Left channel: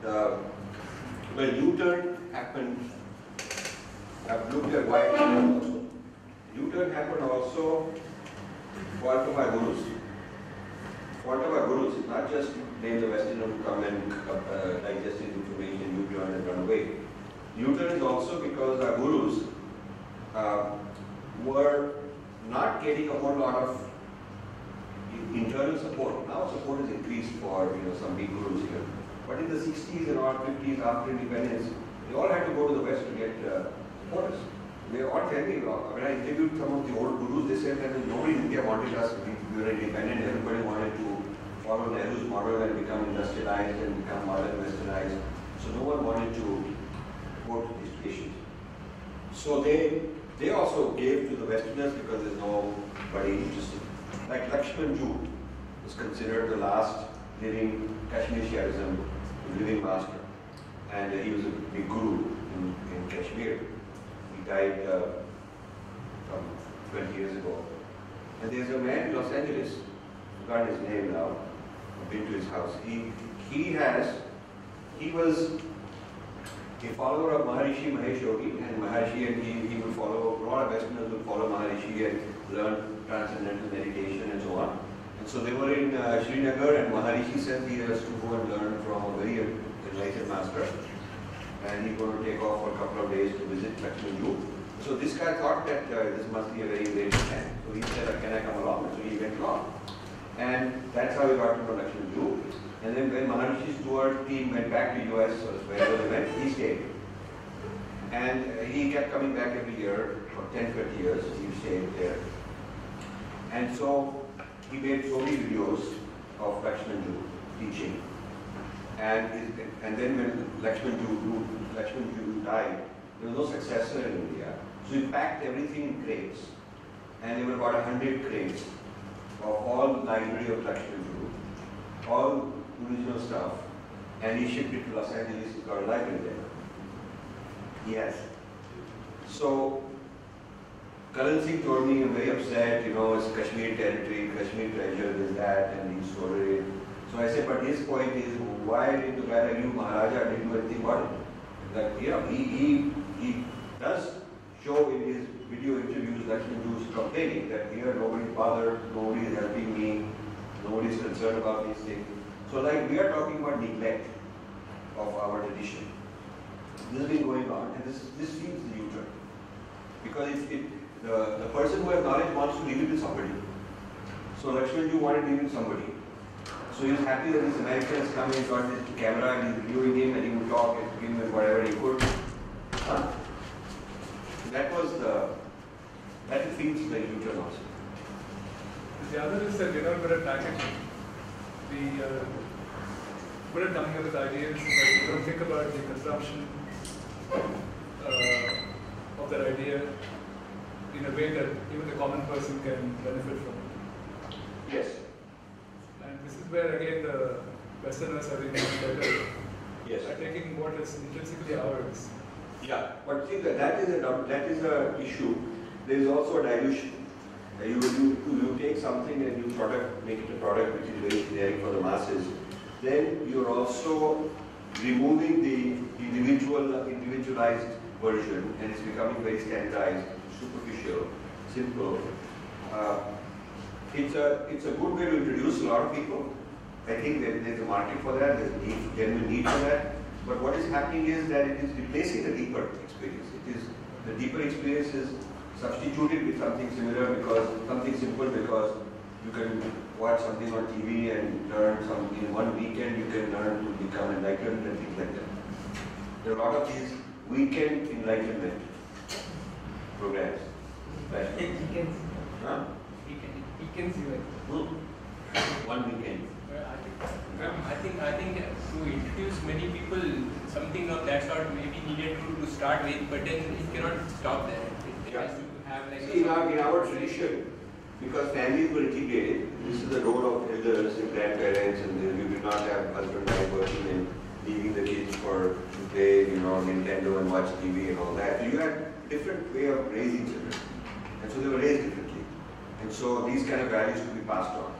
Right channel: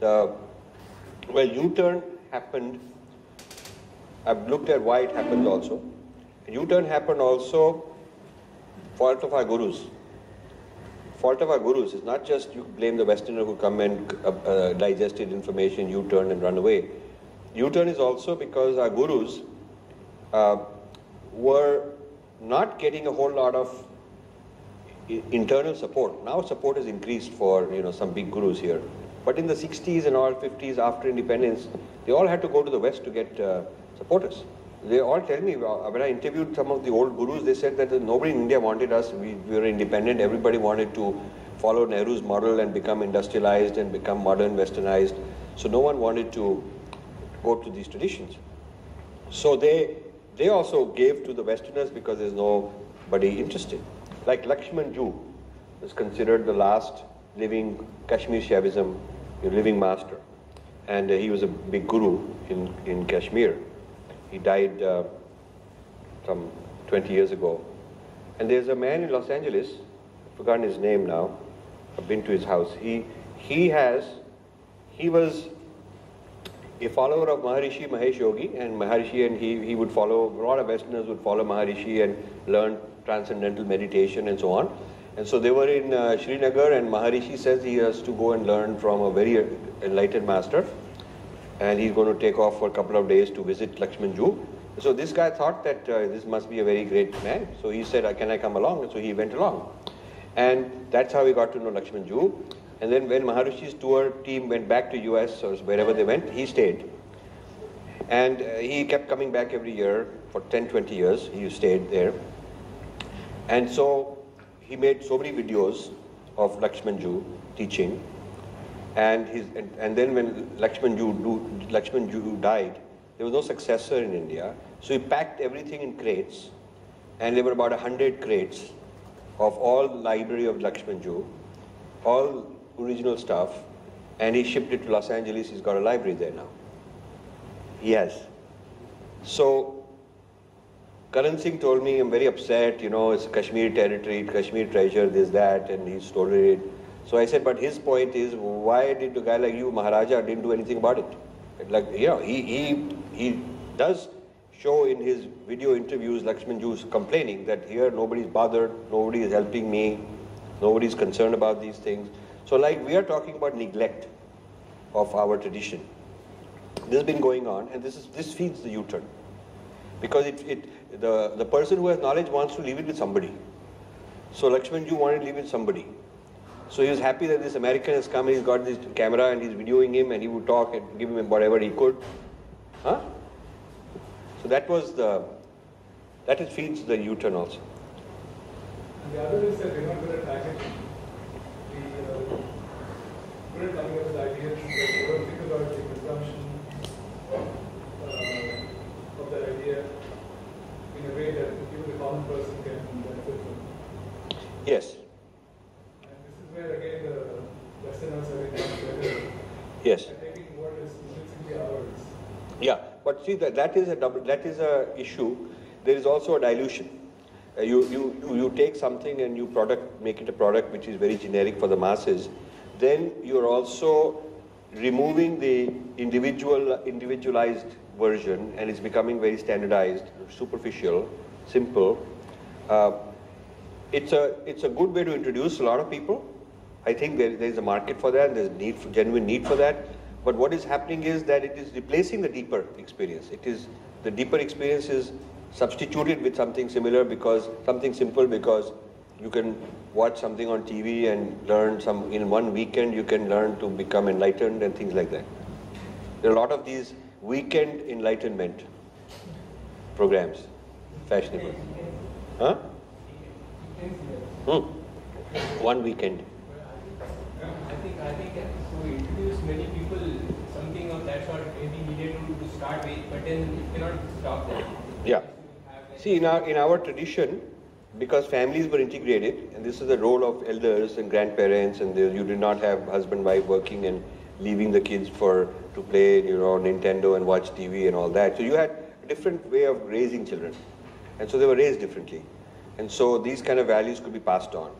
Well, U-turn happened. I've looked at why it happened also. U-turn happened also fault of our gurus. Fault of our gurus is not just you blame the Westerner who come and digested information, U-turn and run away. U-turn is also because our gurus were not getting a whole lot of internal support. Now support has increased for some big gurus here. But in the 60s and all 50s after independence, they all had to go to the West to get supporters. They all tell me, when I interviewed some of the old gurus, they said that nobody in India wanted us. We were independent. Everybody wanted to follow Nehru's model and become industrialized and become modern, westernized. So no one wanted to go to these traditions. So they also gave to the Westerners because there's nobody interested. Like Lakshman Jute was considered the last living Kashmir Shaivism, the living master. And he was a big guru in Kashmir. He died some 20 years ago. And there's a man in Los Angeles, I've forgotten his name now, I've been to his house. He was a follower of Maharishi Mahesh Yogi, and he would follow, a lot of Westerners would follow Maharishi and learn transcendental meditation and so on. And so they were in Srinagar, and Maharishi says he has to go and learn from a very enlightened master. And he's going to take off for a couple of days to visit Lakshman Jute. So this guy thought that this must be a very great man. So he said, can I come along? And so he went along. And that's how he got to know Lakshman Jute. And then when Maharishi's tour team went back to US or wherever they went, he stayed. And he kept coming back every year for 10, 20 years. He stayed there. And so he made so many videos of Lakshman Jute teaching. And then when Lakshman Jute died, there was no successor in India. So he packed everything in crates, and there were about 100 crates of all library of Lakshman Jute, all original stuff, and he shipped it to Los Angeles. He's got a library there now. He has. So Karan Singh told me, I'm very upset, it's Kashmir territory, Kashmir treasure, this, that, and he stole it. So I said, but his point is, why did a guy like you, Maharaja, didn't do anything about it? Like, he does show in his video interviews Lakshman Jute complaining that here nobody's bothered, nobody is helping me, nobody's concerned about these things. So like we are talking about neglect of our tradition. This has been going on, and this feeds the U-turn. Because the person who has knowledge wants to leave it with somebody. So Lakshman Jute wanted to leave it with somebody. So he was happy that this American has come, he's got this camera and he's videoing him, and he would talk and give him whatever he could. Huh? So that feeds the U-turn also. And the other is that we're not good at packaging. We put it coming up with ideas, but we don't think about the consumption of that idea in a way that even the common person can benefit from. Yes. Where again the Westerners are being better. Yes. By taking what is intrinsically ours. Yeah, but see that is a issue. There is also a dilution. You take something and you make it a product which is very generic for the masses. Then you're also removing the individualized version, and it's becoming very standardized, superficial, simple. It's a good way to introduce a lot of people. I think there's a market for that, there's genuine need for that. But what is happening is that it is replacing the deeper experience. The deeper experience is substituted with something similar, something simple, because you can watch something on TV and learn in one weekend you can learn to become enlightened and things like that. There are a lot of these weekend enlightenment programs, fashionable. Huh? One weekend. I think to introduce many people, something of that sort may be needed to start with, but then it cannot stop there. Yeah. See, in our tradition, because families were integrated, and this is the role of elders and grandparents, and you did not have husband, wife working and leaving the kids to play, Nintendo and watch TV and all that. So you had a different way of raising children, and so they were raised differently. And so these kind of values could be passed on.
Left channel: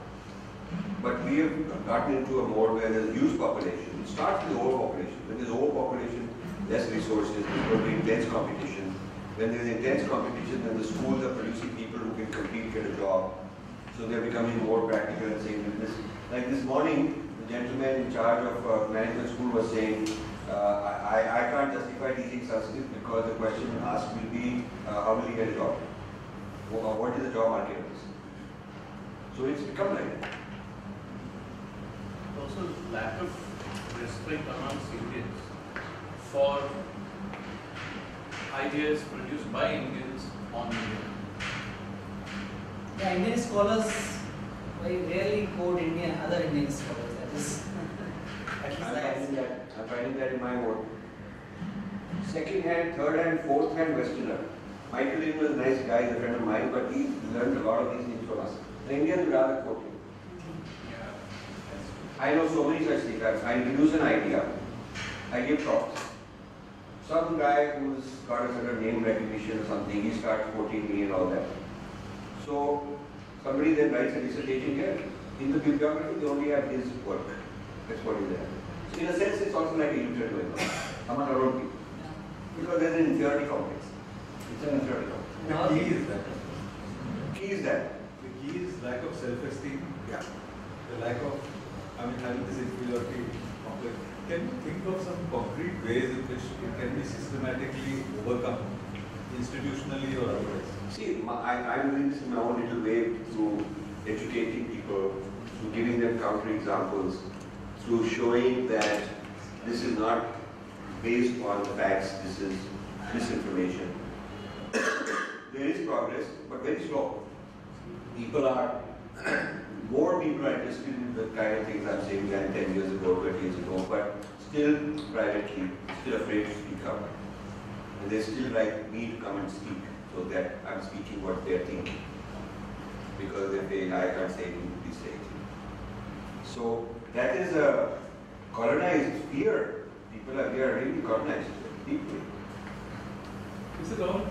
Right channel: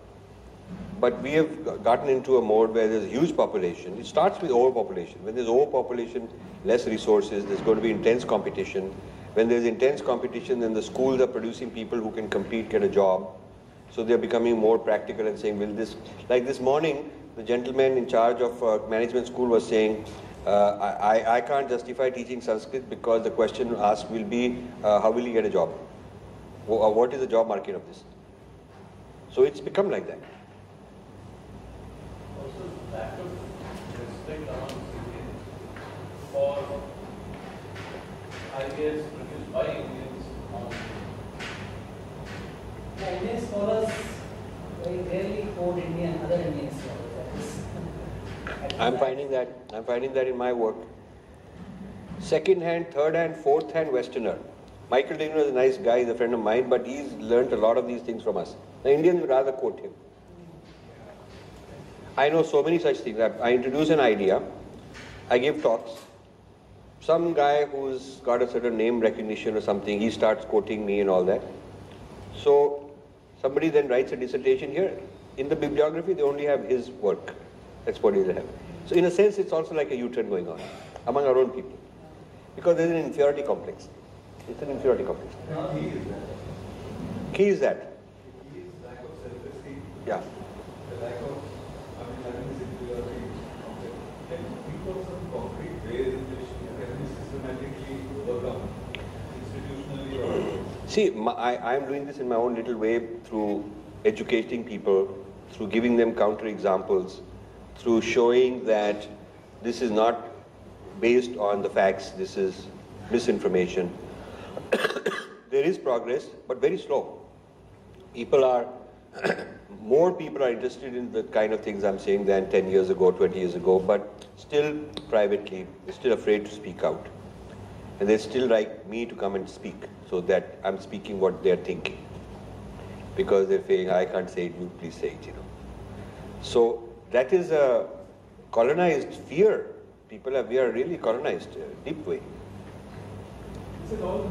But we have gotten into a mode where there's a huge population. It starts with overpopulation. When there's overpopulation, less resources, there's going to be intense competition. When there's intense competition, then the schools are producing people who can compete, get a job. So they're becoming more practical and saying, well, like this morning, the gentleman in charge of management school was saying, I can't justify teaching Sanskrit because the question asked will be, how will he get a job? What is the job market of this? So it's become like that. Also, lack of respect amongst Indians for ideas produced by Indians on Yeah, Indian scholars very rarely quote other Indian scholars. I'm finding that in my work. Second hand, third hand, fourth hand Westerner. Michael Lino is a nice guy, he's a friend of mine, but he's learned a lot of these things from us. The Indians rather quote him. I know so many such things. I introduce an idea, I give talks. Some guy who's got a certain name recognition or something, he starts quoting me and all that. So somebody then writes a dissertation here. In the bibliography, they only have his work. That's what they have. So in a sense, it's also like a U-turn going on among our own people. Because there is an inferiority complex. It's an inferiority complex. The key is that. Key is that? The key is lack of self-esteem. Yeah. The lack of, having this inferiority complex. Can you think of some concrete ways in which it can be systematically overcome, institutionally or otherwise? See, I'm doing this in my own little way through educating people, through giving them counter-examples, through showing that this is not based on the facts, this is misinformation. There is progress, but very slow. More people are interested in the kind of things I'm saying than 10 years ago, 20 years ago, but still privately, they're still afraid to speak out. And they still like me to come and speak, so that I'm speaking what they're thinking. Because they say, I can't say it, you please say it, So that is a colonized fear. We are really colonized, deep way. Is it all